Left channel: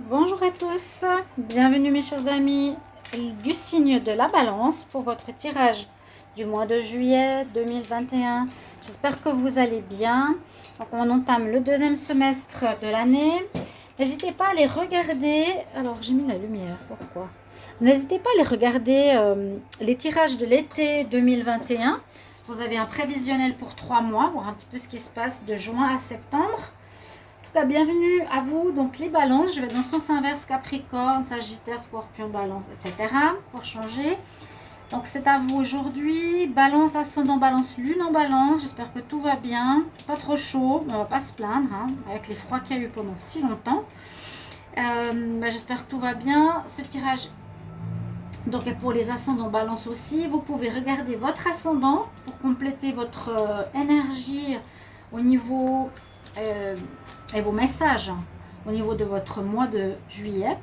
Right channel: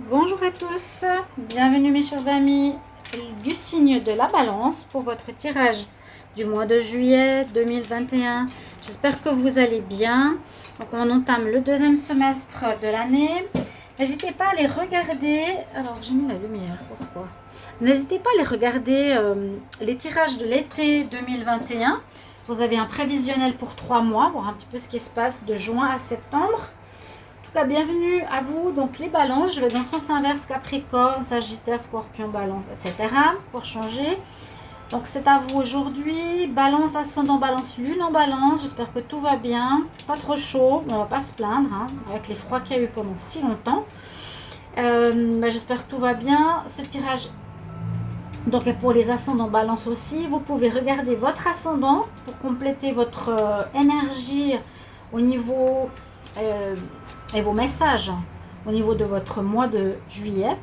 Bonjour à tous, bienvenue mes chers amis du signe de la balance pour votre tirage du mois de juillet 2021. J'espère que vous allez bien. Donc on entame le deuxième semestre de l'année. N'hésitez pas à les regarder. Alors j'ai mis la lumière, pourquoi? N'hésitez pas à les regarder les tirages de l'été 2021. Vous avez un prévisionnel pour 3 mois, voir un petit peu ce qui se passe de juin à septembre. Bienvenue à vous. Donc les balances, je vais dans le sens inverse, Capricorne, Sagittaire, Scorpion, Balance, etc. pour changer. Donc c'est à vous aujourd'hui. Balance, ascendant, Balance, Lune en Balance. J'espère que tout va bien. Pas trop chaud, on va pas se plaindre hein, avec les froids qu'il y a eu pendant si longtemps. J'espère que tout va bien. Ce tirage donc pour les ascendants Balance aussi, vous pouvez regarder votre ascendant pour compléter votre énergie au niveau et vos messages au niveau de votre mois de juillet.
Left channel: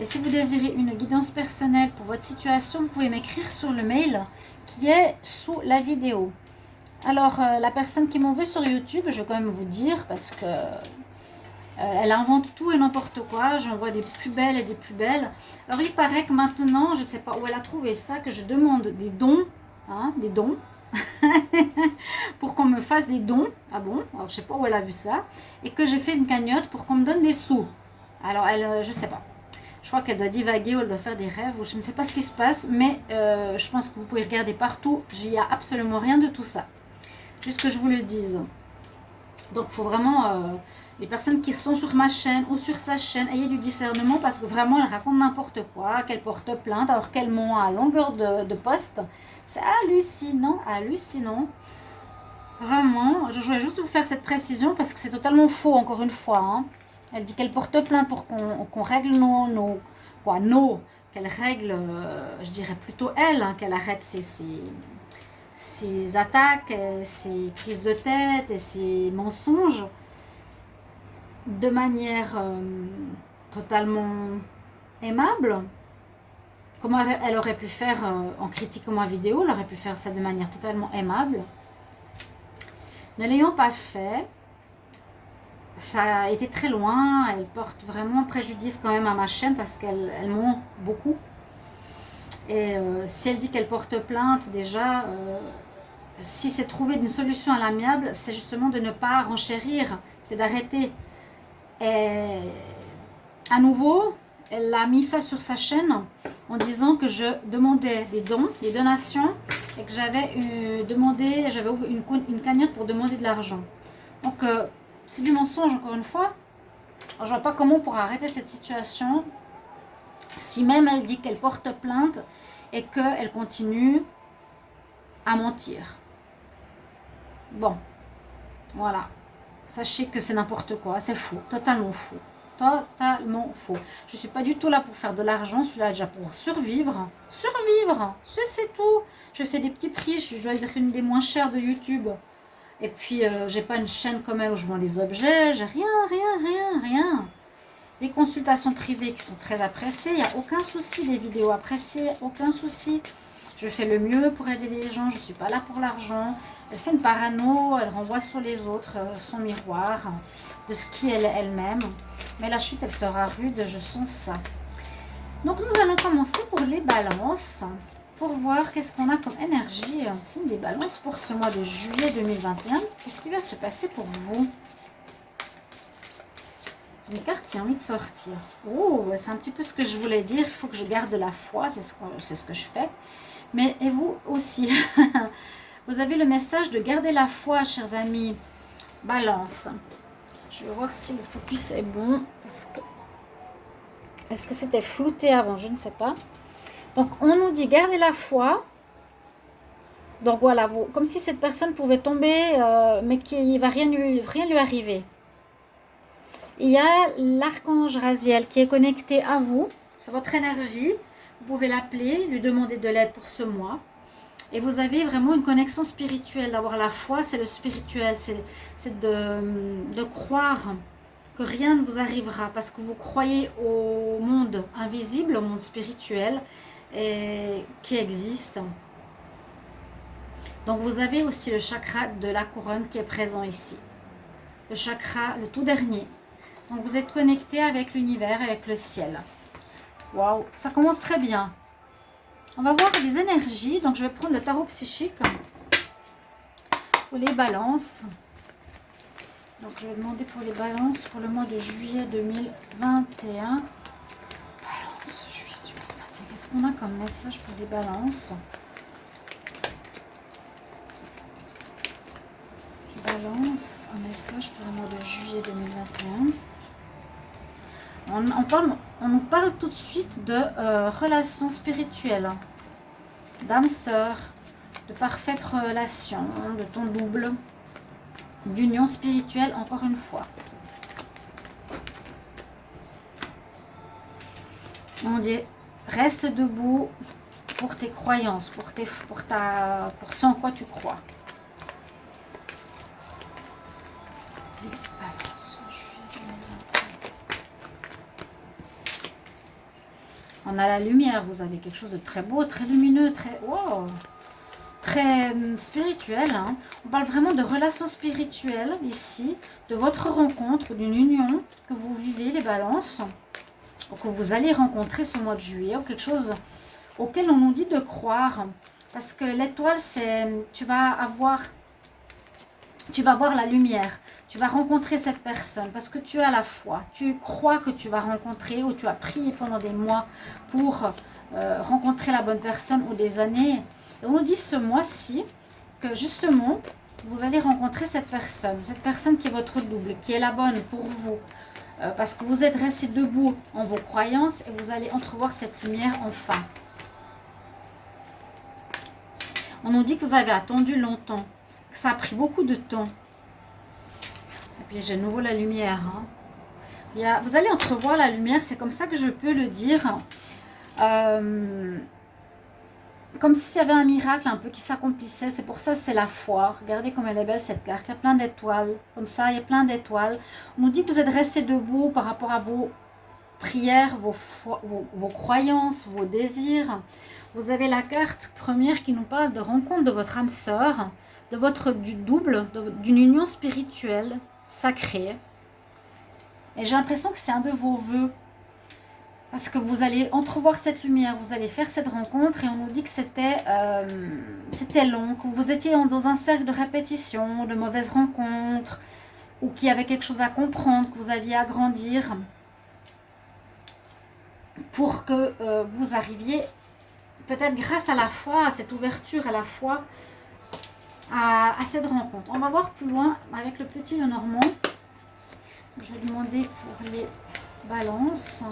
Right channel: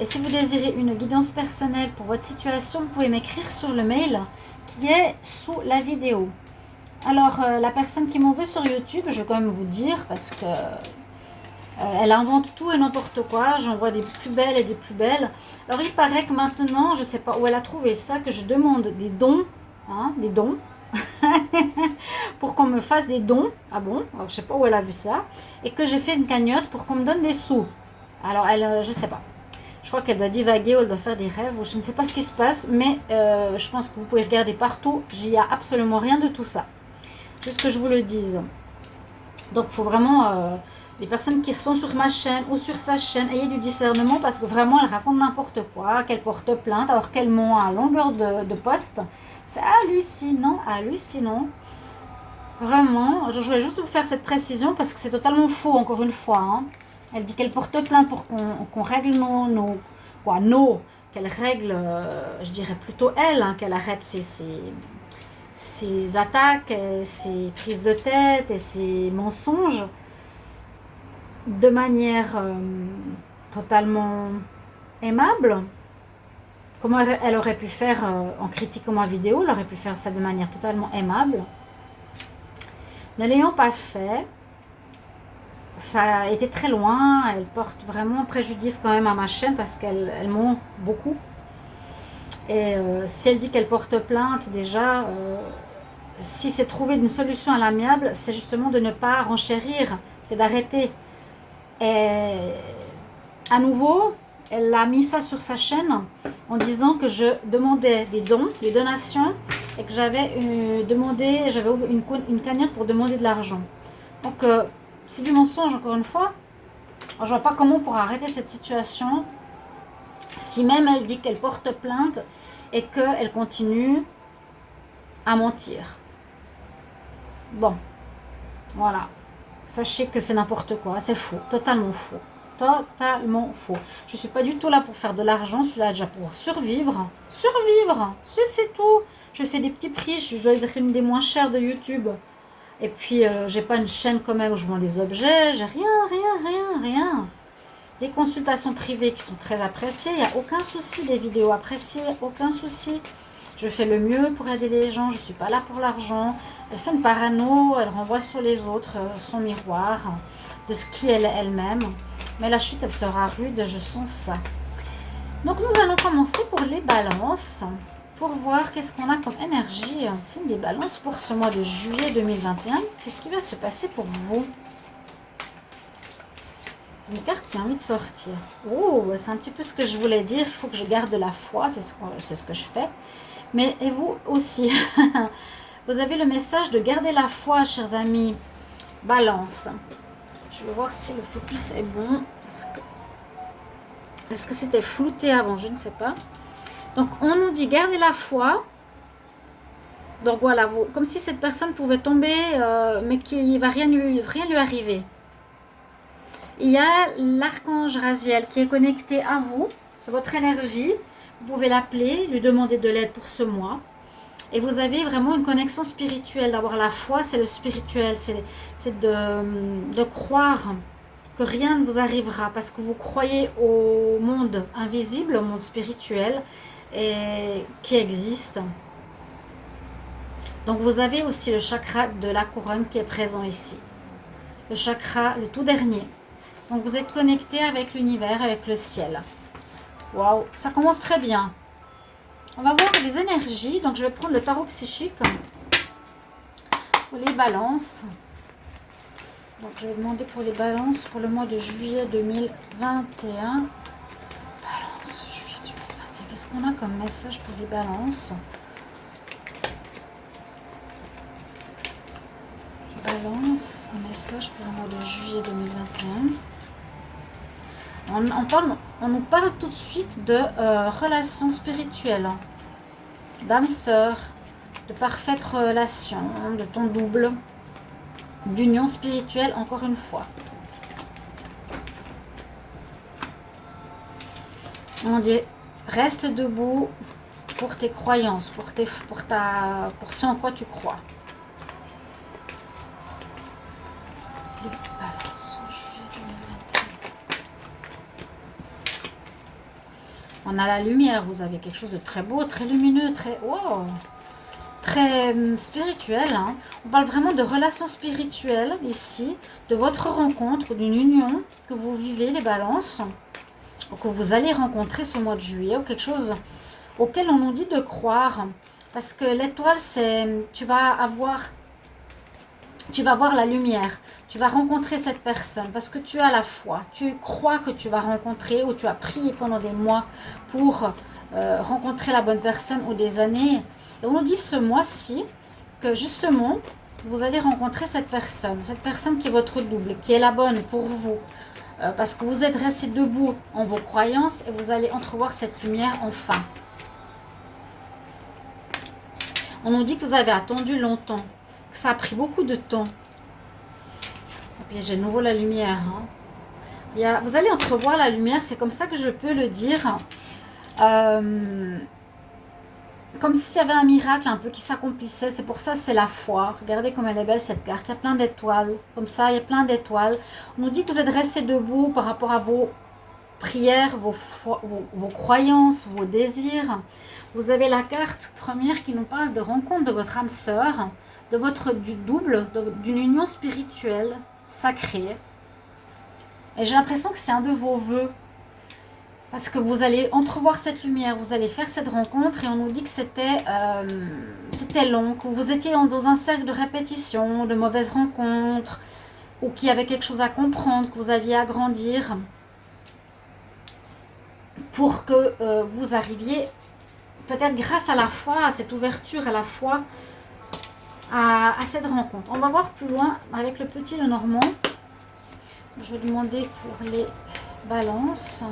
Et si vous désirez une guidance personnelle pour votre situation, vous pouvez m'écrire sur le mail qui est sous la vidéo. Alors, la personne qui m'en veut sur YouTube, je vais quand même vous dire parce que elle invente tout et n'importe quoi. J'en vois des plus belles et des plus belles. Alors, il paraît que maintenant, je ne sais pas où elle a trouvé ça, que je demande des dons, hein, des dons, pour qu'on me fasse des dons. Ah bon? Alors, je sais pas où elle a vu ça. Et que j'ai fait une cagnotte pour qu'on me donne des sous. Alors, elle, je sais pas. Je crois qu'elle doit divaguer ou elle doit faire des rêves ou je ne sais pas ce qui se passe. Mais je pense que vous pouvez regarder partout. J'y ai absolument rien de tout ça. Juste que je vous le dise. Donc, il faut vraiment... les personnes qui sont sur ma chaîne ou sur sa chaîne, ayez du discernement parce que vraiment, elle raconte n'importe quoi, qu'elle porte plainte alors qu'elle ment à longueur de poste. C'est hallucinant, hallucinant. Vraiment, je voulais juste vous faire cette précision parce que c'est totalement faux, encore une fois. Hein. Elle dit qu'elle porte plainte pour qu'on règle qu'elle règle, je dirais plutôt elle, hein, qu'elle arrête ses attaques, ses prises de tête et ses mensonges de manière totalement aimable. Comment elle aurait pu faire en critiquant ma vidéo, elle aurait pu faire ça de manière totalement aimable. Ne l'ayant pas fait, ça a été très loin. Elle porte vraiment préjudice quand même à ma chaîne parce qu'elle ment beaucoup. Et si elle dit qu'elle porte plainte, déjà, si c'est trouver une solution à l'amiable, c'est justement de ne pas renchérir, c'est d'arrêter. Et à nouveau, elle a mis ça sur sa chaîne en disant que je demandais des dons, des donations, et que j'avais demandé, j'avais ouvert une cagnotte pour demander de l'argent. Donc, c'est du mensonge, encore une fois. Alors, je vois pas comment on pourra arrêter cette situation si même elle dit qu'elle porte plainte et qu'elle continue à mentir. Bon, voilà. Sachez que c'est n'importe quoi, c'est faux, totalement faux. Totalement faux. Je ne suis pas du tout là pour faire de l'argent, je suis là déjà pour survivre. Survivre, c'est tout. Je fais des petits prix, je dois être une des moins chères de YouTube. Et puis, j'ai pas une chaîne comme elle où je vends des objets, j'ai rien. Des consultations privées qui sont très appréciées, il n'y a aucun souci, des vidéos appréciées, aucun souci. Je fais le mieux pour aider les gens, je ne suis pas là pour l'argent. Elle fait une parano, elle renvoie sur les autres son miroir de ce qui est elle-même. Mais la chute, elle sera rude, je sens ça. Donc nous allons commencer pour les balances, pour voir qu'est-ce qu'on a comme énergie, un signe des balances pour ce mois de juillet 2021. Qu'est-ce qui va se passer pour vous? Une carte qui a envie de sortir. Oh, c'est un petit peu ce que je voulais dire. Il faut que je garde la foi, c'est ce que je fais. Mais et vous aussi. Vous avez le message de garder la foi, chers amis. Balance. Je vais voir si le focus est bon. Est-ce que c'était flouté avant? Je ne sais pas. Donc, on nous dit garder la foi. Donc, voilà, comme si cette personne pouvait tomber, mais qu'il ne va rien lui arriver. Il y a l'archange Raziel qui est connecté à vous. C'est votre énergie. Vous pouvez l'appeler, lui demander de l'aide pour ce mois. Et vous avez vraiment une connexion spirituelle. D'avoir la foi, c'est le spirituel. C'est de croire que rien ne vous arrivera parce que vous croyez au monde invisible, au monde spirituel et qui existe. Donc vous avez aussi le chakra de la couronne qui est présent ici. Le chakra, le tout dernier. Donc vous êtes connecté avec l'univers, avec le ciel. Waouh, ça commence très bien. On va voir les énergies. Donc je vais prendre le tarot psychique pour les balances. Donc je vais demander pour les balances pour le mois de juillet 2021. Balance, juillet 2021. Qu'est-ce qu'on a comme message pour les balances? Balance, un message pour le mois de juillet 2021. On nous parle tout de suite de relations spirituelles, d'âme sœur, de parfaite relation, de ton double, d'union spirituelle encore une fois. On dit reste debout pour tes croyances, pour ce en quoi tu crois. Balance, juillet 2021. On a la lumière, vous avez quelque chose de très beau, très lumineux, très spirituel. Hein. On parle vraiment de relations spirituelles ici, de votre rencontre, d'une union que vous vivez, les balances, ou que vous allez rencontrer ce mois de juillet, ou quelque chose auquel on nous dit de croire. Parce que l'étoile, c'est tu vas voir la lumière. Tu vas rencontrer cette personne parce que tu as la foi. Tu crois que tu vas rencontrer ou tu as prié pendant des mois pour rencontrer la bonne personne ou des années. Et on nous dit ce mois-ci que justement, vous allez rencontrer cette personne qui est votre double, qui est la bonne pour vous. Parce que vous êtes resté debout en vos croyances et vous allez entrevoir cette lumière enfin. On nous dit que vous avez attendu longtemps, que ça a pris beaucoup de temps. Et puis j'ai de nouveau la lumière. Hein. Vous allez entrevoir la lumière, c'est comme ça que je peux le dire. Comme s'il y avait un miracle un peu qui s'accomplissait. C'est pour ça c'est la foi. Regardez comme elle est belle cette carte. Il y a plein d'étoiles. Comme ça, il y a plein d'étoiles. On nous dit que vous êtes resté debout par rapport à vos prières, vos croyances, vos désirs. Vous avez la carte première qui nous parle de rencontre de votre âme sœur, du double, d'une union spirituelle sacrée. Et j'ai l'impression que c'est un de vos vœux. Parce que vous allez entrevoir cette lumière, vous allez faire cette rencontre et on nous dit que c'était long, que vous étiez dans un cercle de répétition, de mauvaises rencontres, ou qu'il y avait quelque chose à comprendre, que vous aviez à grandir, pour que vous arriviez, peut-être grâce à la foi, à cette ouverture, à la foi, à cette rencontre. On va voir plus loin avec le petit Lenormand. Je vais demander pour les balances.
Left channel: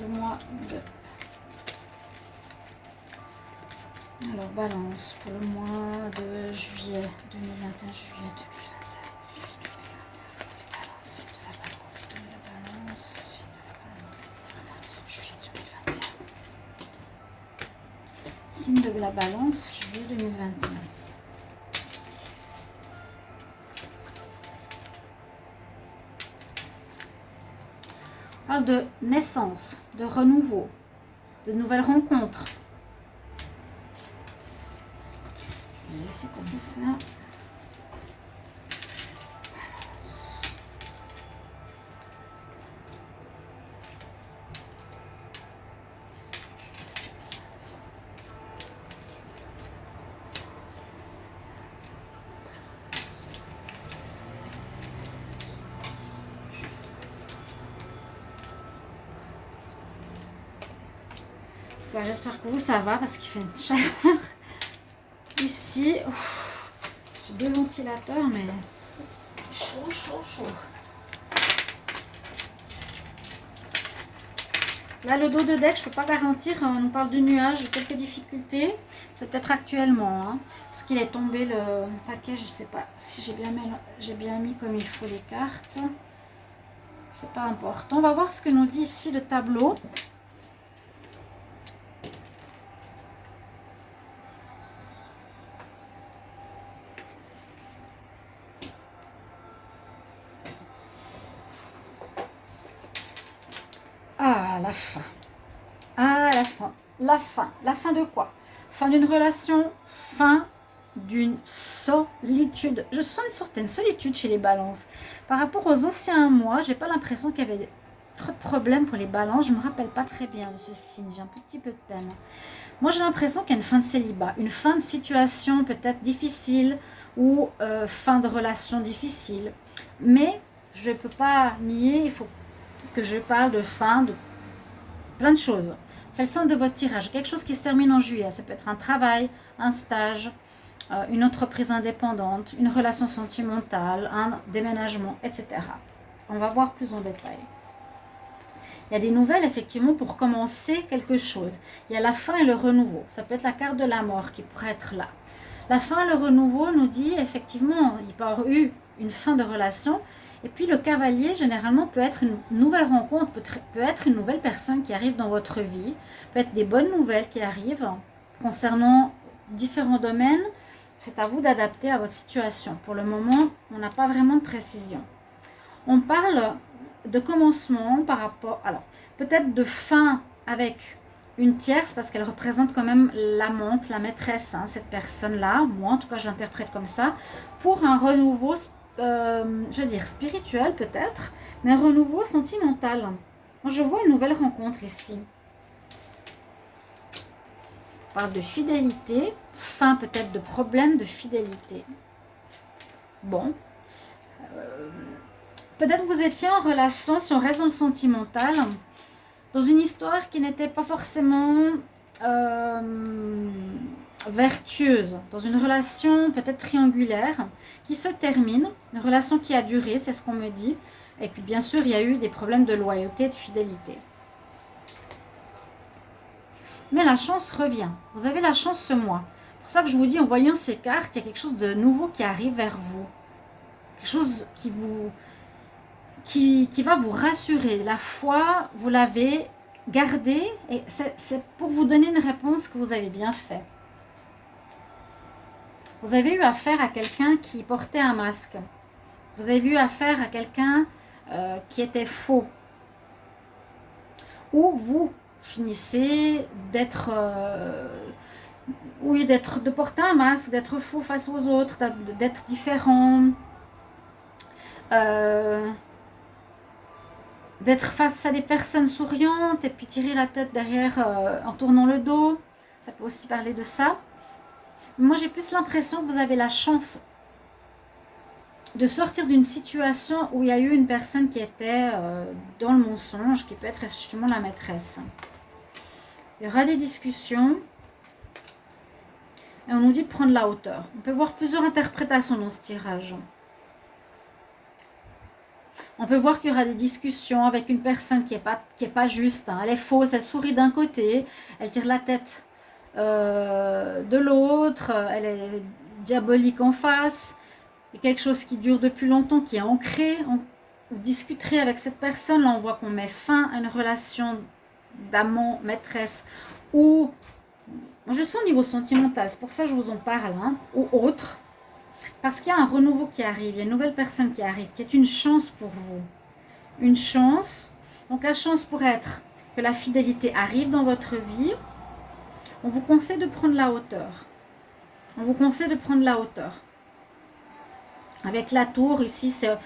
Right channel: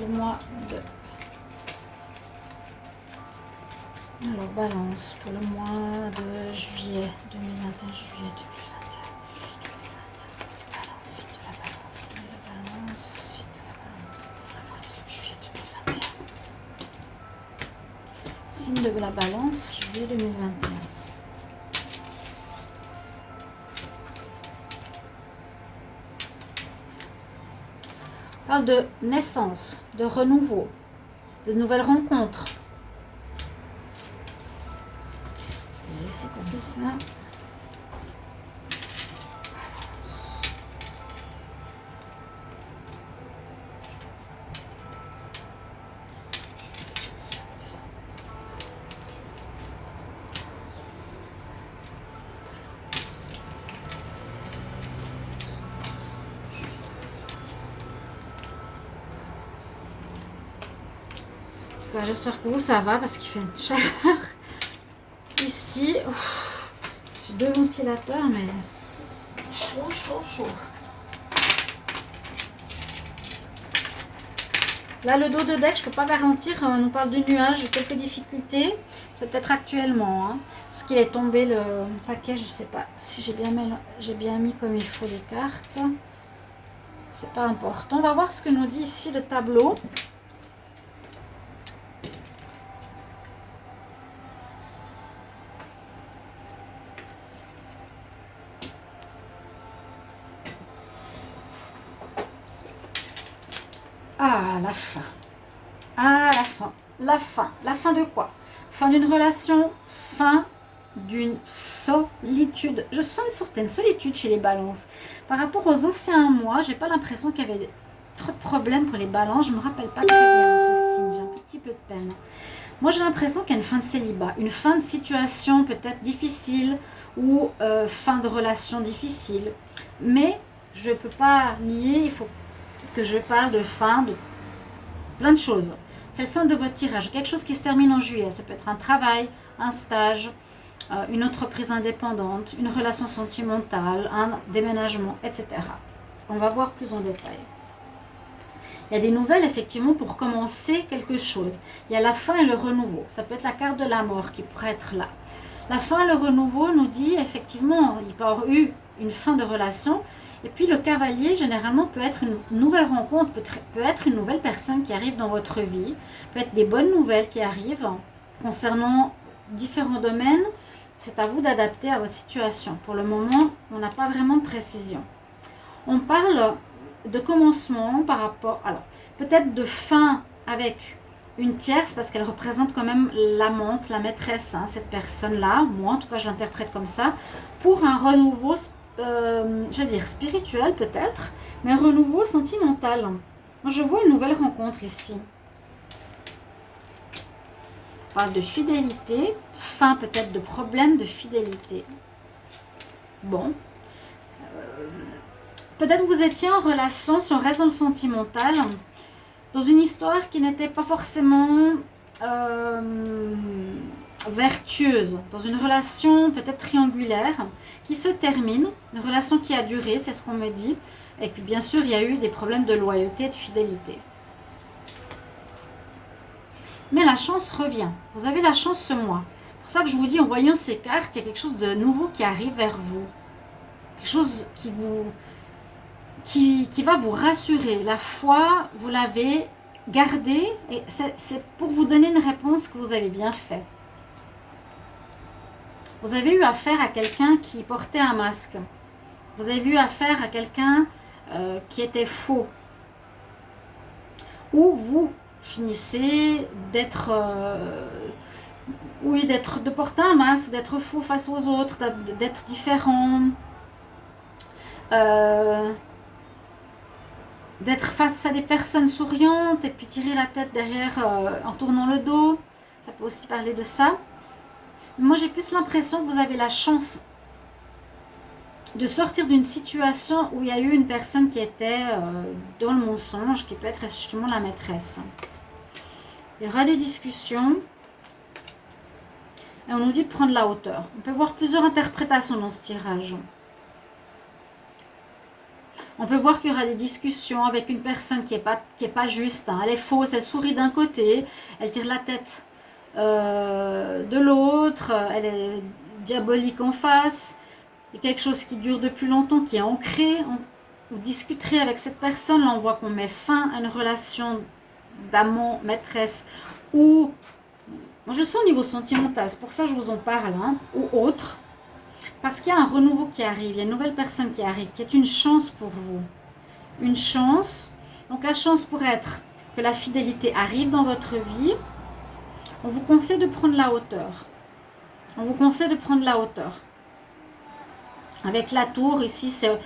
Le mois de... Alors, balance pour le mois de juillet 2021, juillet 2021, balance, de la balance, de la balance, de la balance, juillet 2021. Signe de la balance, juillet 2021. Parle de naissance, de renouveau, de nouvelles rencontres. Je vais laisser comme ça. J'espère que vous ça va parce qu'il fait une chaleur ici. J'ai 2 ventilateurs mais chaud. Là le dos de deck je peux pas garantir, on nous parle de nuages, de quelques difficultés. C'est peut-être actuellement hein, parce qu'il est tombé le paquet, je sais pas si j'ai bien mis comme il faut les cartes. C'est pas important. On va voir ce que nous dit ici le tableau. La fin. Ah, la fin. La fin. La fin de quoi? Fin d'une relation, fin d'une sœur. solitude. Je sens une certaine solitude chez les balances. Par rapport aux anciens mois, j'ai pas l'impression qu'il y avait trop de problèmes pour les balances. Je me rappelle pas très bien de ce signe. J'ai un petit peu de peine. Moi, j'ai l'impression qu'il y a une fin de célibat, une fin de situation peut-être difficile ou fin de relation difficile. Mais je ne peux pas nier, il faut que je parle de fin de plein de choses. C'est le centre de votre tirage. Quelque chose qui se termine en juillet. Ça peut être un travail, un stage, une entreprise indépendante, une relation sentimentale, un déménagement, etc. On va voir plus en détail. Il y a des nouvelles, effectivement, pour commencer quelque chose. Il y a la fin et le renouveau. Ça peut être la carte de la mort qui pourrait être là. La fin et le renouveau nous dit, effectivement, il peut y avoir eu une fin de relation. Et puis, le cavalier, généralement, peut être une nouvelle rencontre, peut être une nouvelle personne qui arrive dans votre vie, peut être des bonnes nouvelles qui arrivent concernant différents domaines. C'est à vous d'adapter à votre situation. Pour le moment, on n'a pas vraiment de précision. On parle de commencement par rapport, alors peut-être de fin avec une tierce parce qu'elle représente quand même l'amante, la maîtresse, hein, cette personne-là, moi en tout cas je l'interprète comme ça, pour un renouveau, je vais dire spirituel peut-être, mais un renouveau sentimental. Moi je vois une nouvelle rencontre ici. On parle de fidélité, fin peut-être de problème de fidélité. Bon. Peut-être vous étiez en relation, si on reste dans le sentimental, dans une histoire qui n'était pas forcément vertueuse, dans une relation peut-être triangulaire, qui se termine, une relation qui a duré, c'est ce qu'on me dit, et puis bien sûr il y a eu des problèmes de loyauté et de fidélité. Mais la chance revient, vous avez la chance ce mois. C'est pour ça que je vous dis, en voyant ces cartes, il y a quelque chose de nouveau qui arrive vers vous, quelque chose qui va vous rassurer. La foi, vous l'avez gardée et c'est pour vous donner une réponse que vous avez bien fait. Vous avez eu affaire à quelqu'un qui portait un masque. Vous avez eu affaire à quelqu'un qui était faux. Ou vous finissez d'être... oui, de porter un masque, d'être faux face aux autres, d'être différent. D'être face à des personnes souriantes et puis tirer la tête derrière en tournant le dos. Ça peut aussi parler de ça. Moi, j'ai plus l'impression que vous avez la chance de sortir d'une situation où il y a eu une personne qui était dans le mensonge, qui peut être justement la maîtresse. Il y aura des discussions et on nous dit de prendre la hauteur. On peut voir plusieurs interprétations dans ce tirage. On peut voir qu'il y aura des discussions avec une personne qui est pas juste. Hein. Elle est fausse, elle sourit d'un côté, elle tire la tête de l'autre, elle est diabolique en face. Il y a quelque chose qui dure depuis longtemps, qui est ancré. Vous discuterez avec cette personne, là on voit qu'on met fin à une relation d'amant, maîtresse, ou je sens au niveau sentimental, c'est pour ça que je vous en parle, hein, ou autre. Parce qu'il y a un renouveau qui arrive, il y a une nouvelle personne qui arrive, qui est une chance pour vous. Une chance. Donc la chance pourrait être que la fidélité arrive dans votre vie. On vous conseille de prendre la hauteur. On vous conseille de prendre la hauteur. Avec la tour, ici, c'est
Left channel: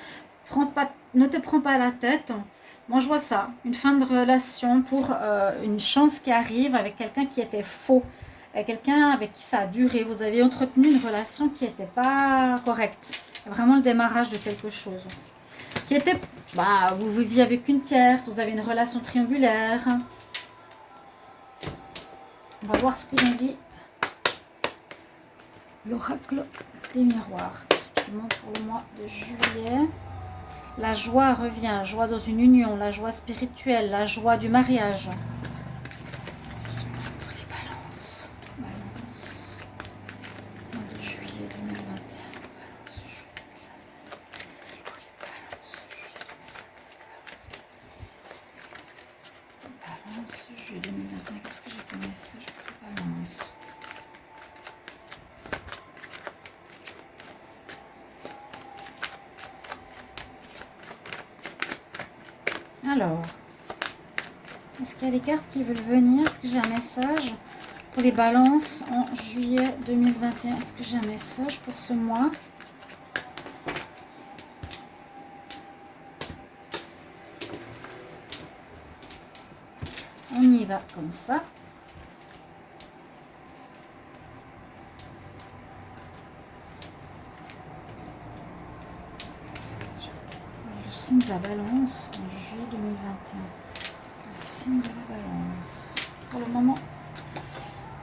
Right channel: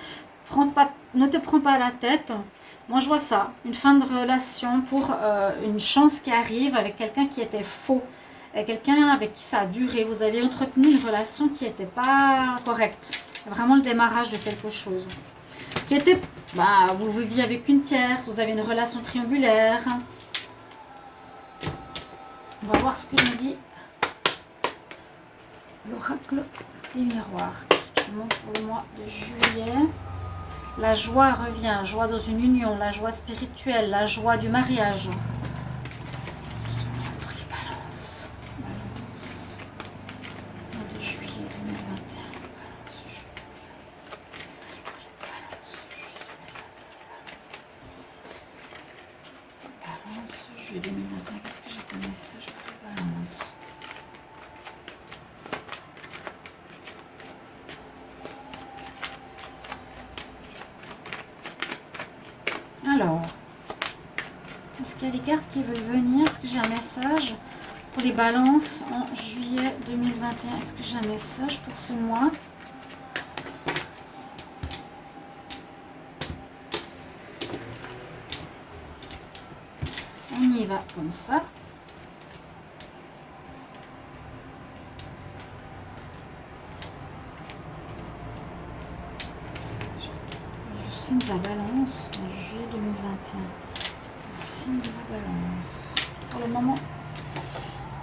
ne te prends pas la tête. Moi, je vois ça. Une fin de relation pour une chance qui arrive avec quelqu'un qui était faux. Quelqu'un avec qui ça a duré, vous avez entretenu une relation qui n'était pas correcte. Vraiment le démarrage de quelque chose. Qui était, vous viviez avec une tierce, vous avez une relation triangulaire. On va voir ce que nous dit l'oracle des miroirs. Je vous montre pour le mois de juillet. La joie revient, la joie dans une union, la joie spirituelle, la joie du mariage. Juillet 2021, qu'est-ce que j'ai comme message pour Balance? Alors, est-ce qu'il y a des cartes qui veulent venir? Est-ce que j'ai un message Pour les balances en juillet 2021. Est-ce que j'ai un message pour ce mois? On y va comme ça. Le signe de la balance en juillet 2021. Le signe de la balance. Pour le moment.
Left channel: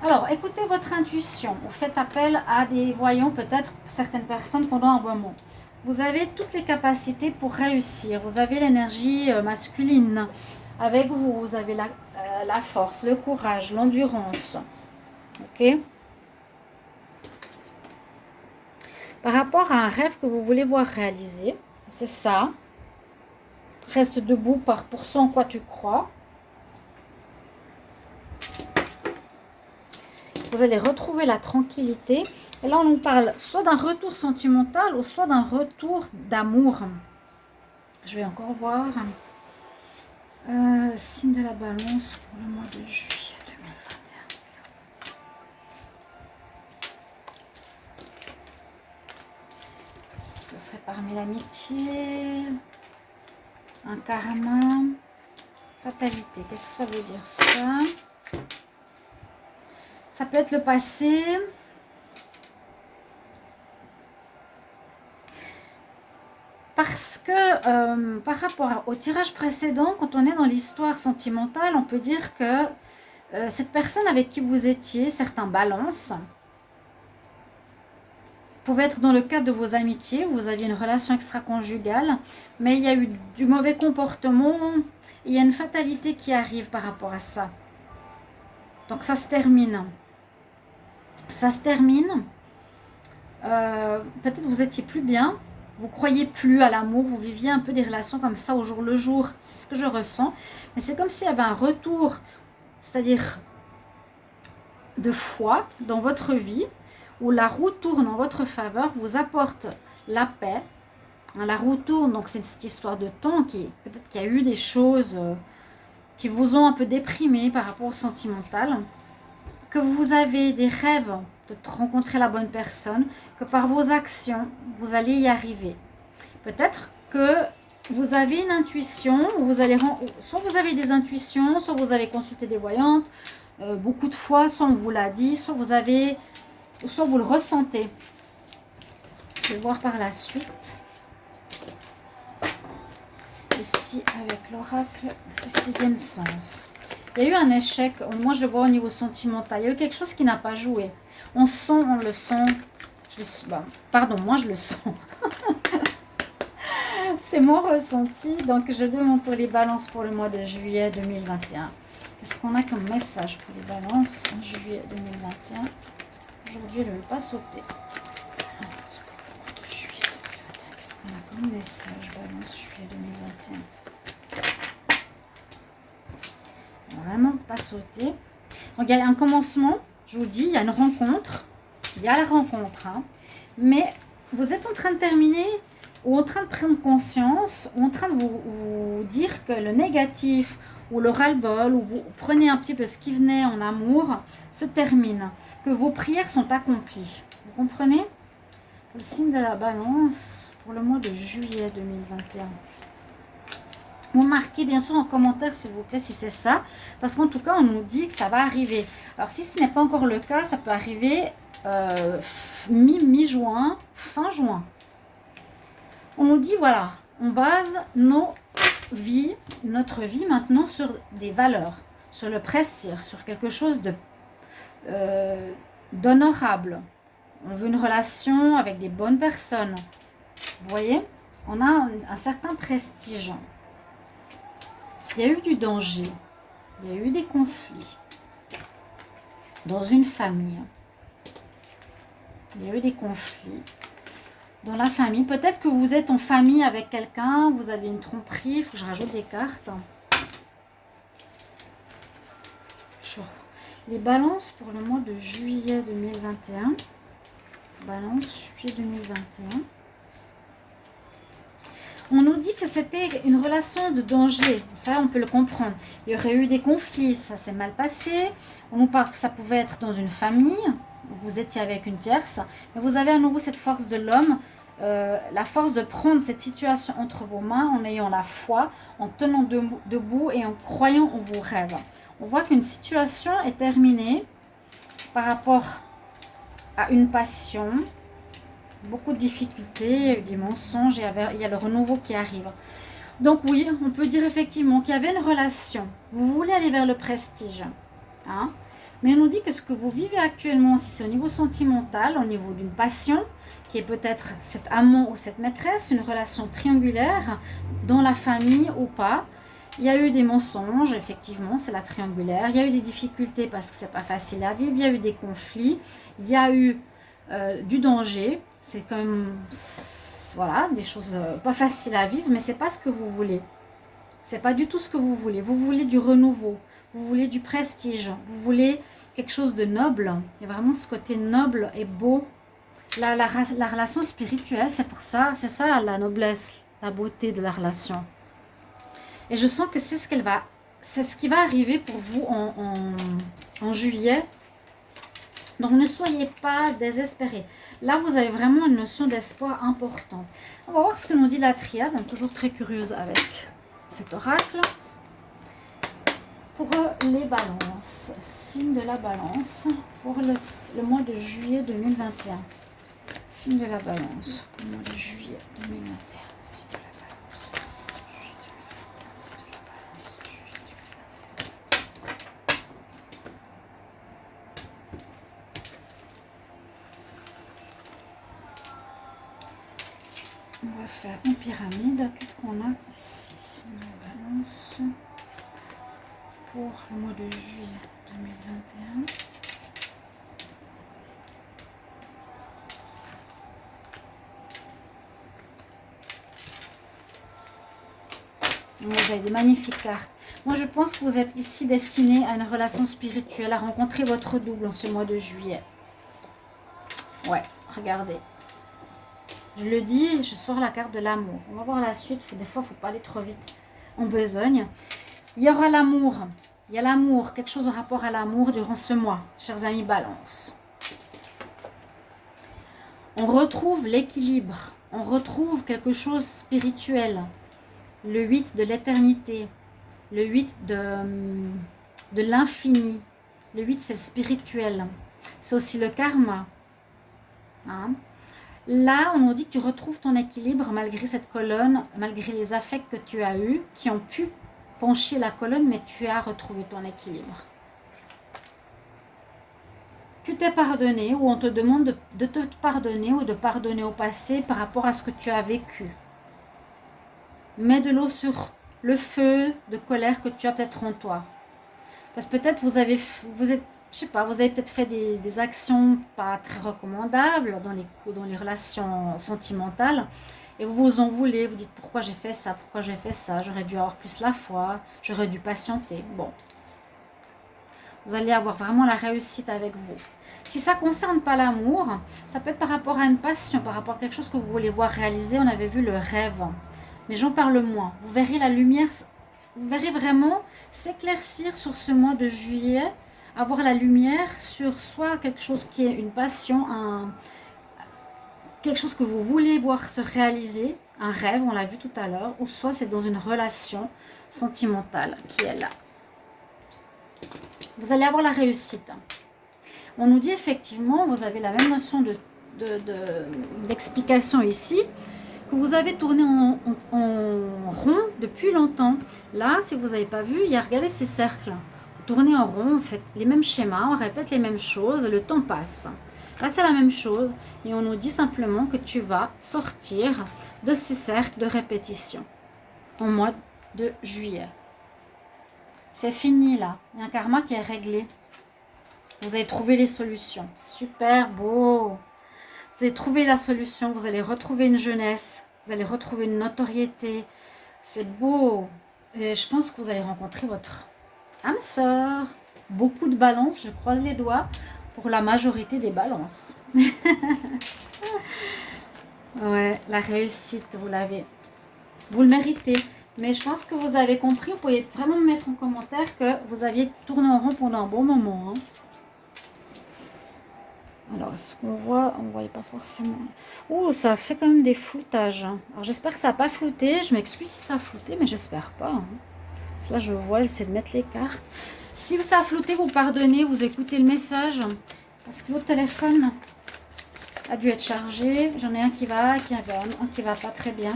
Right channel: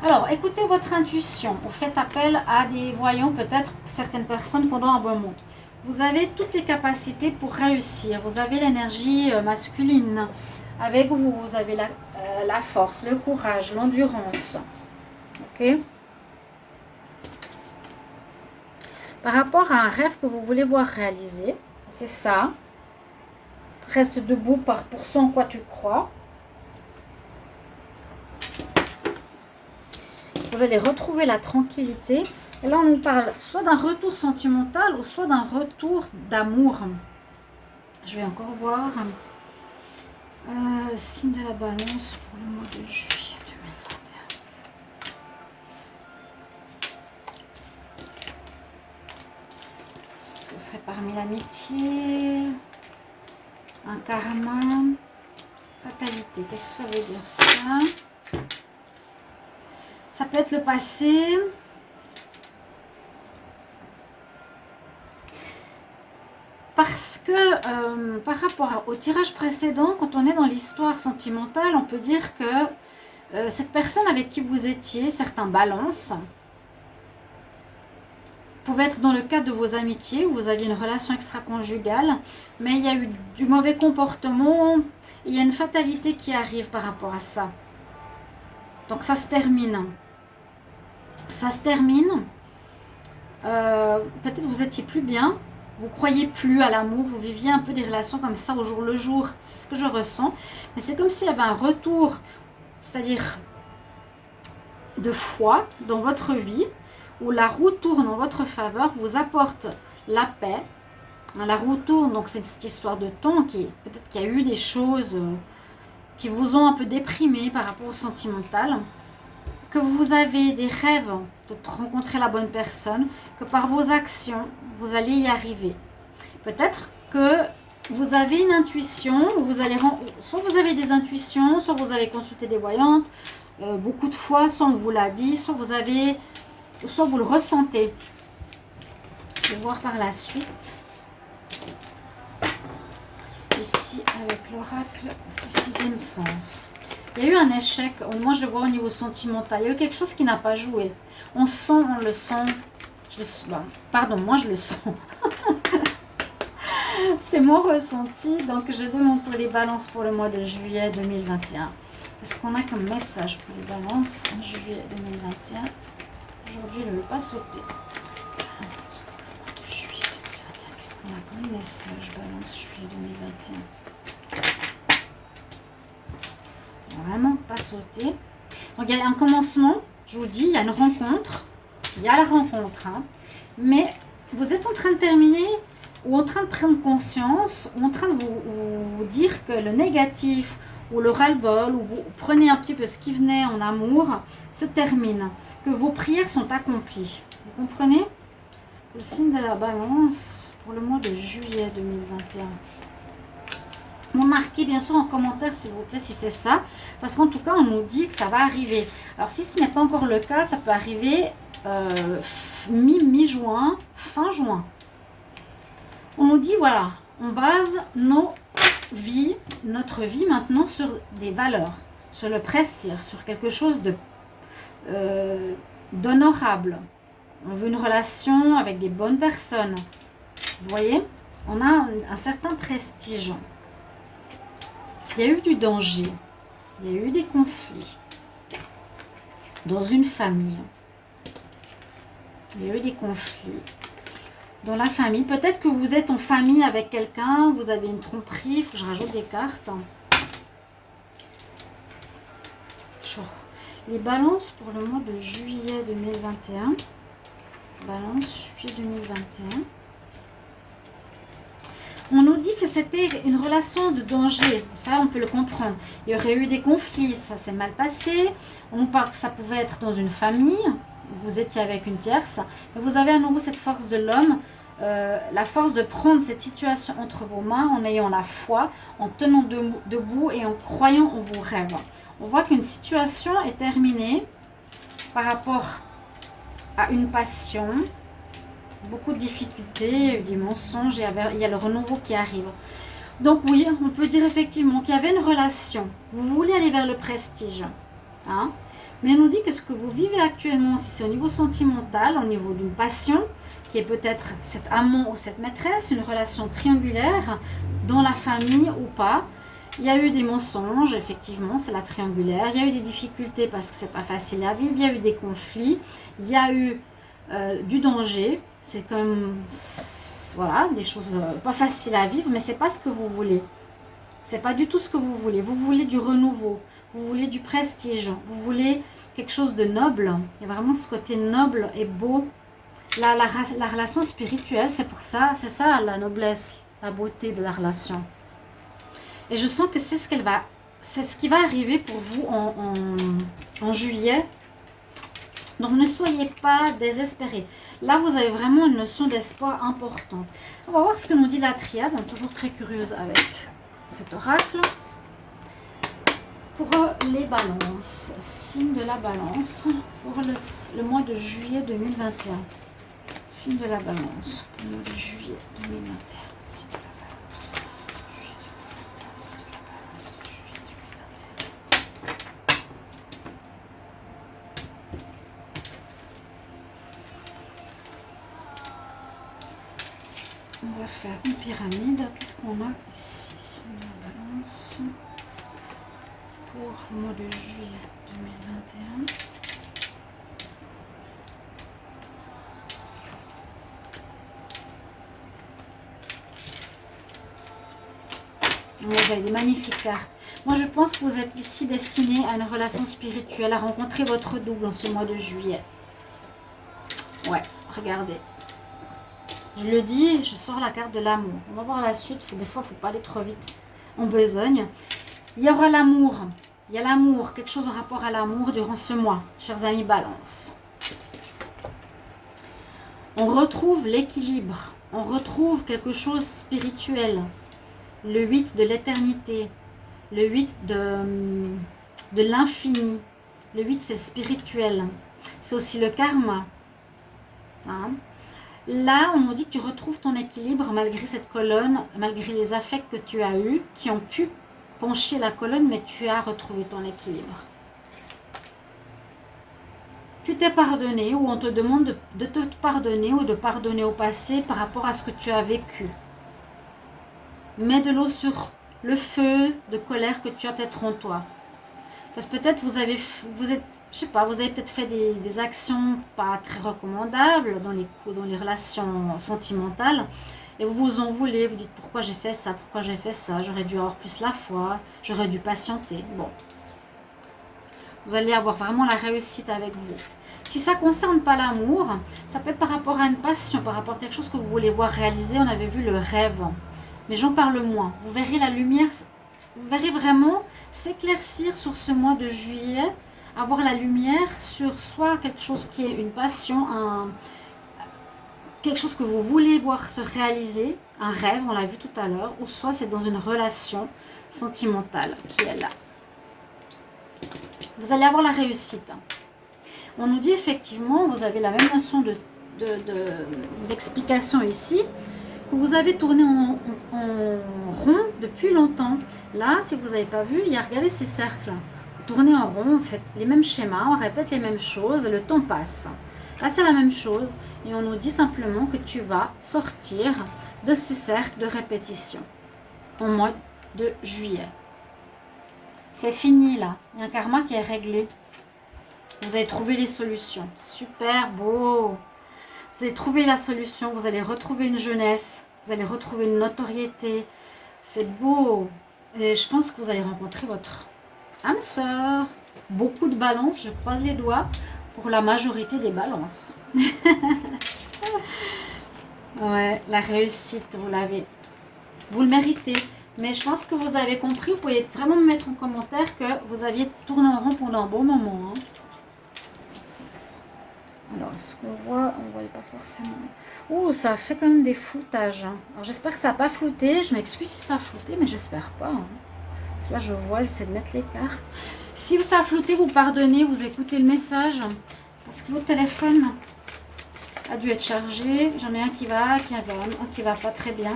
Alors, écoutez votre intuition. Vous faites appel à des voyants, peut-être certaines personnes pendant un moment. Vous avez toutes les capacités pour réussir. Vous avez l'énergie masculine. Avec vous, vous avez la force, le courage, l'endurance. Ok? Par rapport à un rêve que vous voulez voir réalisé, c'est ça. Reste debout pour ce en quoi tu crois. Vous allez retrouver la tranquillité. Et là, on nous parle soit d'un retour sentimental ou soit d'un retour d'amour. Je vais encore voir. Signe de la balance pour le mois de juillet 2021. Ce serait parmi l'amitié, un karma, fatalité. Qu'est-ce que ça veut dire ça? Ça peut être le passé. Parce que par rapport au tirage précédent, quand on est dans l'histoire sentimentale, on peut dire que cette personne avec qui vous étiez, certains balances, pouvait être dans le cadre de vos amitiés, où vous aviez une relation extra-conjugale, mais il y a eu du mauvais comportement, il y a une fatalité qui arrive par rapport à ça. Donc ça se termine. Ça se termine. Peut-être vous étiez plus bien. Vous croyez plus à l'amour, vous viviez un peu des relations comme ça au jour le jour. C'est ce que je ressens. Mais c'est comme s'il y avait un retour, c'est-à-dire de foi dans votre vie, où la roue tourne en votre faveur, vous apporte la paix. La roue tourne, donc c'est cette histoire de temps qui peut-être qu'il y a eu des choses qui vous ont un peu déprimé par rapport au sentimental, que vous avez des rêves de rencontrer la bonne personne, que par vos actions, vous allez y arriver. Peut-être que vous avez une intuition, soit vous avez des intuitions, soit vous avez consulté des voyantes, beaucoup de fois, soit on vous l'a dit, soit vous le ressentez. Je vais voir par la suite. Ici, avec l'oracle du sixième sens. Il y a eu un échec, moi je le vois au niveau sentimental, il y a eu quelque chose qui n'a pas joué. On le sent, pardon, moi je le sens. C'est mon ressenti, donc je demande pour les balances pour le mois de juillet 2021. Qu'est-ce qu'on a comme message pour les balances en juillet 2021? Aujourd'hui, elle ne veut pas sauter. Juillet 2021, qu'est-ce qu'on a comme message balance juillet 2021? Vraiment pas sauter. Donc il y a un commencement, je vous dis, il y a une rencontre, il y a la rencontre, hein, mais vous êtes en train de terminer ou en train de prendre conscience, ou en train de vous dire que le négatif ou le ras-le-bol, ou vous prenez un petit peu ce qui venait en amour, se termine, que vos prières sont accomplies. Vous comprenez? Le signe de la balance pour le mois de juillet 2021. Vous marquez bien sûr en commentaire s'il vous plaît si c'est ça, parce qu'en tout cas on nous dit que ça va arriver. Alors si ce n'est pas encore le cas, ça peut arriver mi-juin, fin juin. On nous dit voilà, on base notre vie maintenant sur des valeurs, sur le pressir, sur quelque chose d'honorable. On veut une relation avec des bonnes personnes. Vous voyez, on a un certain prestige. Il y a eu du danger, il y a eu des conflits dans une famille. Il y a eu des conflits dans la famille. Peut-être que vous êtes en famille avec quelqu'un, vous avez une tromperie, il faut que je rajoute des cartes. Les balances pour le mois de juillet 2021. Balance, juillet 2021. On nous dit que c'était une relation de danger. Ça, on peut le comprendre. Il y aurait eu des conflits, ça s'est mal passé. On nous parle que ça pouvait être dans une famille. Vous étiez avec une tierce. Mais vous avez à nouveau cette force de l'homme. La force de prendre cette situation entre vos mains en ayant la foi, en tenant debout et en croyant en vos rêves. On voit qu'une situation est terminée par rapport à une passion. Beaucoup de difficultés, des mensonges, il y a le renouveau qui arrive. Donc oui, on peut dire effectivement qu'il y avait une relation. Vous voulez aller vers le prestige. Hein? Mais on nous dit que ce que vous vivez actuellement, si c'est au niveau sentimental, au niveau d'une passion, qui est peut-être cet amant ou cette maîtresse, une relation triangulaire, dans la famille ou pas, il y a eu des mensonges, effectivement, c'est la triangulaire. Il y a eu des difficultés parce que c'est pas facile à vivre. Il y a eu des conflits. Il y a eu du danger. C'est quand même, voilà, des choses pas faciles à vivre, mais c'est pas ce que vous voulez. C'est pas du tout ce que vous voulez. Vous voulez du renouveau. Vous voulez du prestige. Vous voulez quelque chose de noble. Il y a vraiment ce côté noble et beau. La relation spirituelle, c'est pour ça, c'est ça la noblesse, la beauté de la relation. Et je sens que c'est ce qui va arriver pour vous en juillet. Donc ne soyez pas désespérés. Là, vous avez vraiment une notion d'espoir importante. On va voir ce que nous dit la triade. Toujours très curieuse avec cet oracle. Pour les balances, signe de la balance, pour le mois de juillet 2021. Signe de la balance, le mois de juillet 2021. Signe de la balance, juillet 2021. Signe de la balance, juillet 2021. On va faire une pyramide. Qu'est-ce qu'on a ici? Signe de la balance. Pour le mois de juillet 2021. Vous avez des magnifiques cartes. Moi, je pense que vous êtes ici destiné à une relation spirituelle, à rencontrer votre double en ce mois de juillet. Ouais, regardez. Je le dis, je sors la carte de l'amour. On va voir la suite. Des fois, il ne faut pas aller trop vite en besogne. Il y aura l'amour. Il y a l'amour, quelque chose en rapport à l'amour durant ce mois, chers amis Balance. On retrouve l'équilibre. On retrouve quelque chose de spirituel. Le 8 de l'éternité, le 8 de l'infini. Le 8, c'est spirituel. C'est aussi le karma. Hein? Là, on nous dit que tu retrouves ton équilibre malgré cette colonne, malgré les affects que tu as eus, qui ont pu pencher la colonne, mais tu as retrouvé ton équilibre. Tu t'es pardonné ou on te demande de te pardonner ou de pardonner au passé par rapport à ce que tu as vécu. Mets de l'eau sur le feu de colère que tu as peut-être en toi. Parce que peut-être vous avez peut-être fait des actions pas très recommandables dans les relations sentimentales. Et vous vous en voulez, vous dites pourquoi j'ai fait ça, j'aurais dû avoir plus la foi, j'aurais dû patienter. Bon, vous allez avoir vraiment la réussite avec vous. Si ça ne concerne pas l'amour, ça peut être par rapport à une passion, par rapport à quelque chose que vous voulez voir réaliser. On avait vu le rêve. Mais j'en parle moins. Vous verrez la lumière, vous verrez vraiment s'éclaircir sur ce mois de juillet, avoir la lumière sur soit quelque chose qui est une passion, quelque chose que vous voulez voir se réaliser, un rêve, on l'a vu tout à l'heure, ou soit c'est dans une relation sentimentale qui est là. Vous allez avoir la réussite. On nous dit effectivement, vous avez la même notion d'explication ici, que vous avez tourné en rond depuis longtemps. Là, si vous n'avez pas vu, il y a, regardez ces cercles. Vous tournez en rond, vous faites les mêmes schémas, on répète les mêmes choses, le temps passe. Là, c'est la même chose et on nous dit simplement que tu vas sortir de ces cercles de répétition au mois de juillet. C'est fini là, il y a un karma qui est réglé. Vous avez trouvé les solutions, super beau. Vous allez trouver la solution, vous allez retrouver une jeunesse, vous allez retrouver une notoriété. C'est beau. Et je pense que vous allez rencontrer votre âme sœur. Beaucoup de balances, je croise les doigts pour la majorité des balances. Ouais, la réussite, vous l'avez. Vous le méritez. Mais je pense que vous avez compris. Vous pouvez vraiment me mettre en commentaire que vous aviez tourné en rond pendant un bon moment. Hein. Alors, ce qu'on voit, on ne voyait pas forcément. Oh, ça fait quand même des floutages. Hein. Alors, j'espère que ça n'a pas flouté. Je m'excuse si ça a flouté, mais j'espère pas. Hein. Parce que là, je vois, j'essaie de mettre les cartes. Si ça a flouté, vous pardonnez, vous écoutez le message. Parce que l'autre téléphone a dû être chargé. J'en ai un qui va pas très bien.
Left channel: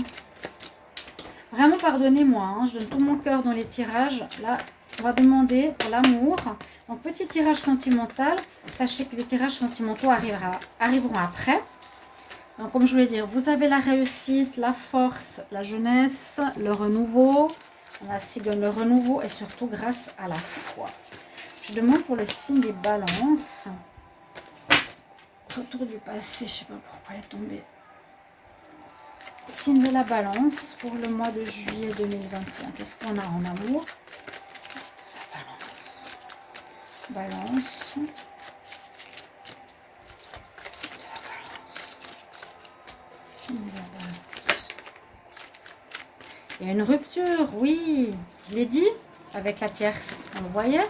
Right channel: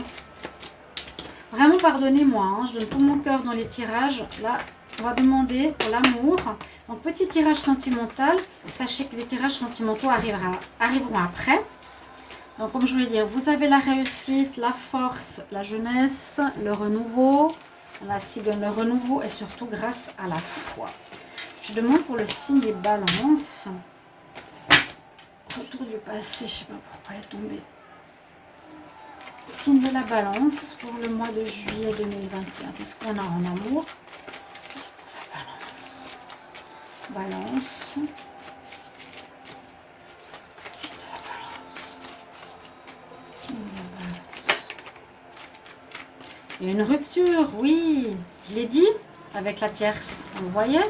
Vraiment, pardonnez-moi. Hein. Je donne tout mon cœur dans les tirages. Là, on va demander pour l'amour. Donc, petit tirage sentimental. Sachez que les tirages sentimentaux arriveront après. Donc, comme je voulais dire, vous avez la réussite, la force, la jeunesse, le renouveau. La cigogne, le renouveau et surtout grâce à la foi. Je demande pour le signe des balances. Retour du passé, je ne sais pas pourquoi elle est tombée. Signe de la balance pour le mois de juillet 2021. Qu'est-ce qu'on a en amour? Signe de la balance. Balance. Signe de la balance. Signe de la balance. Il y a une rupture, oui. Je l'ai dit, avec la tierce. Vous voyez?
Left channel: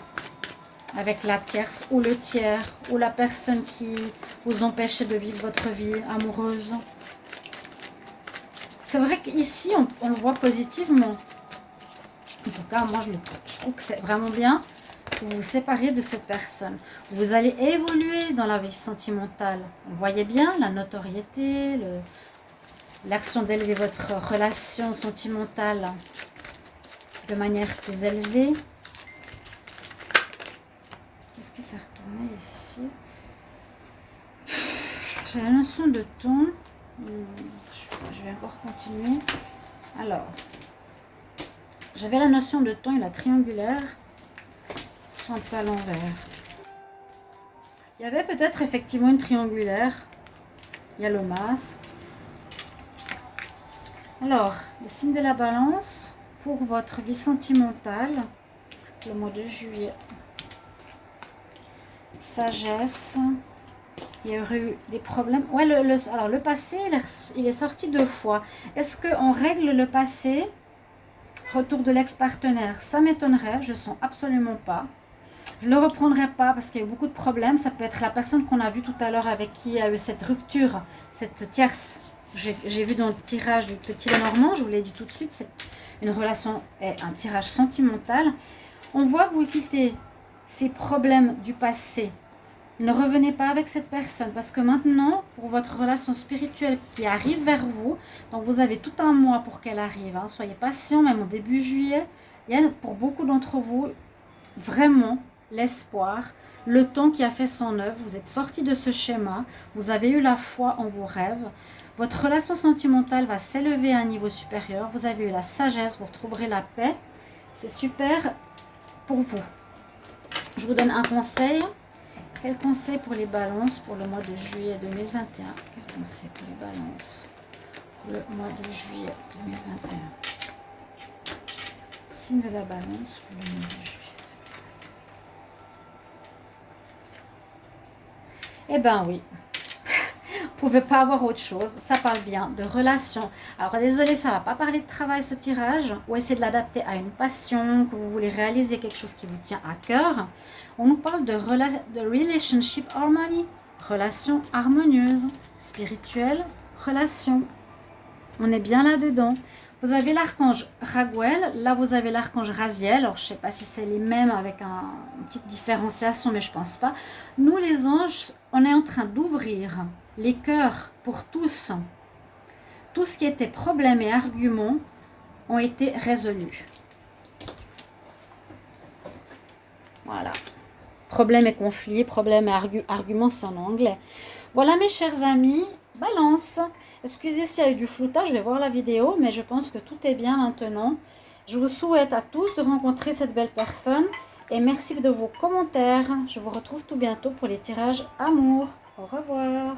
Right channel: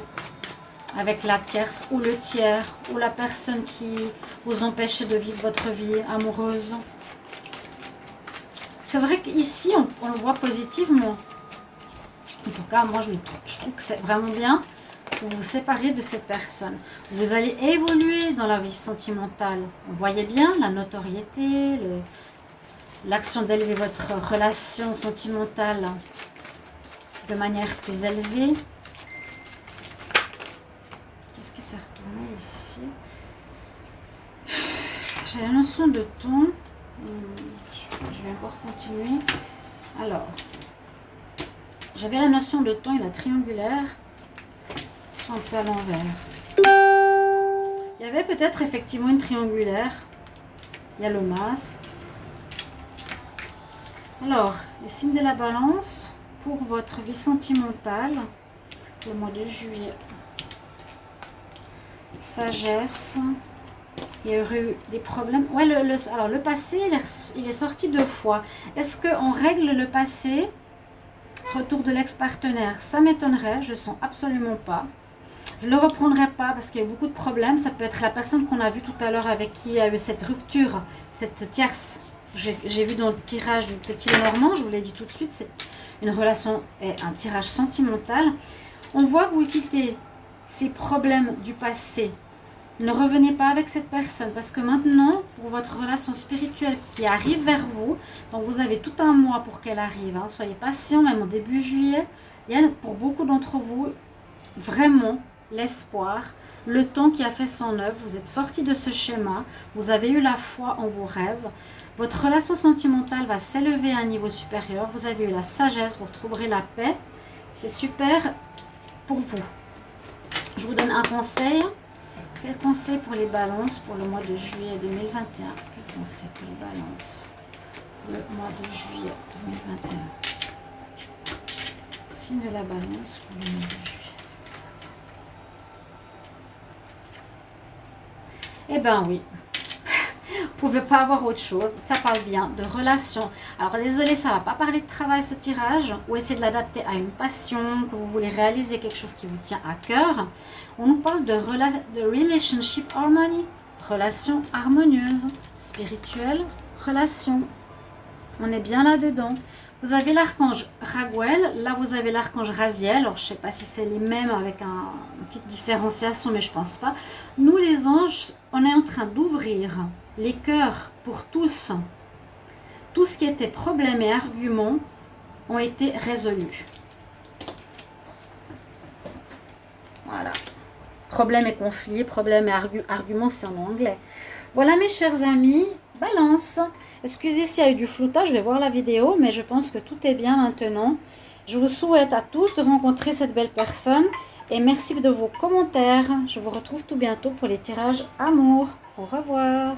Avec la tierce ou le tiers ou la personne qui vous empêche de vivre votre vie amoureuse. C'est vrai qu'ici, on le voit positivement. En tout cas, moi, je trouve que c'est vraiment bien que vous vous séparez de cette personne. Vous allez évoluer dans la vie sentimentale. Vous voyez bien la notoriété, l'action d'élever votre relation sentimentale de manière plus élevée. Qu'est-ce qui s'est retourné ici? J'ai la notion de temps. Je vais encore continuer. Alors, j'avais la notion de temps et la triangulaire. Ils sont un peu à l'envers. Il y avait peut-être effectivement une triangulaire. Il y a le masque. Alors, les signes de la balance pour votre vie sentimentale, le mois de juillet. Sagesse. Il y aurait eu des problèmes. Ouais, alors le passé, il est sorti 2 fois. Est-ce qu'on règle le passé? Retour de l'ex-partenaire, ça m'étonnerait. Je ne sens absolument pas. Je ne le reprendrai pas parce qu'il y a eu beaucoup de problèmes. Ça peut être la personne qu'on a vue tout à l'heure avec qui il y a eu cette rupture, cette tierce. J'ai vu dans le tirage du petit Normand, je vous l'ai dit tout de suite, c'est une relation et un tirage sentimental. On voit que vous quittez ces problèmes du passé. Ne revenez pas avec cette personne parce que maintenant, pour votre relation spirituelle qui arrive vers vous, donc vous avez tout un mois pour qu'elle arrive. Hein, soyez patient, même au début juillet. Il y a pour beaucoup d'entre vous vraiment l'espoir, le temps qui a fait son œuvre. Vous êtes sorti de ce schéma, vous avez eu la foi en vos rêves. Votre relation sentimentale va s'élever à un niveau supérieur. Vous avez eu la sagesse, vous retrouverez la paix. C'est super pour vous. Je vous donne un conseil. Quel conseil pour les balances pour le mois de juillet 2021? Quel conseil pour les balances pour le mois de juillet 2021? Signe de la balance pour le mois de juillet. Eh bien oui. Vous ne pouvez pas avoir autre chose. Ça parle bien de relation. Alors désolé, ça ne va pas parler de travail ce tirage. Ou essayer de l'adapter à une passion, que vous voulez réaliser quelque chose qui vous tient à cœur. On nous parle de relationship harmony. Relation harmonieuse, spirituelle, relation. On est bien là-dedans. Vous avez l'archange Raguel. Là, vous avez l'archange Raziel. Alors, je ne sais pas si c'est les mêmes avec une petite différenciation, mais je ne pense pas. Nous, les anges, on est en train d'ouvrir les cœurs pour tous. Tout ce qui était problème et arguments ont été résolus. Voilà. Problème et conflit, problème et argument, c'est en anglais. Voilà mes chers amis, balance. Excusez s'il y a eu du floutage, je vais voir la vidéo, mais je pense que tout est bien maintenant. Je vous souhaite à tous de rencontrer cette belle personne et merci de vos commentaires. Je vous retrouve tout bientôt pour les tirages amour. Au revoir.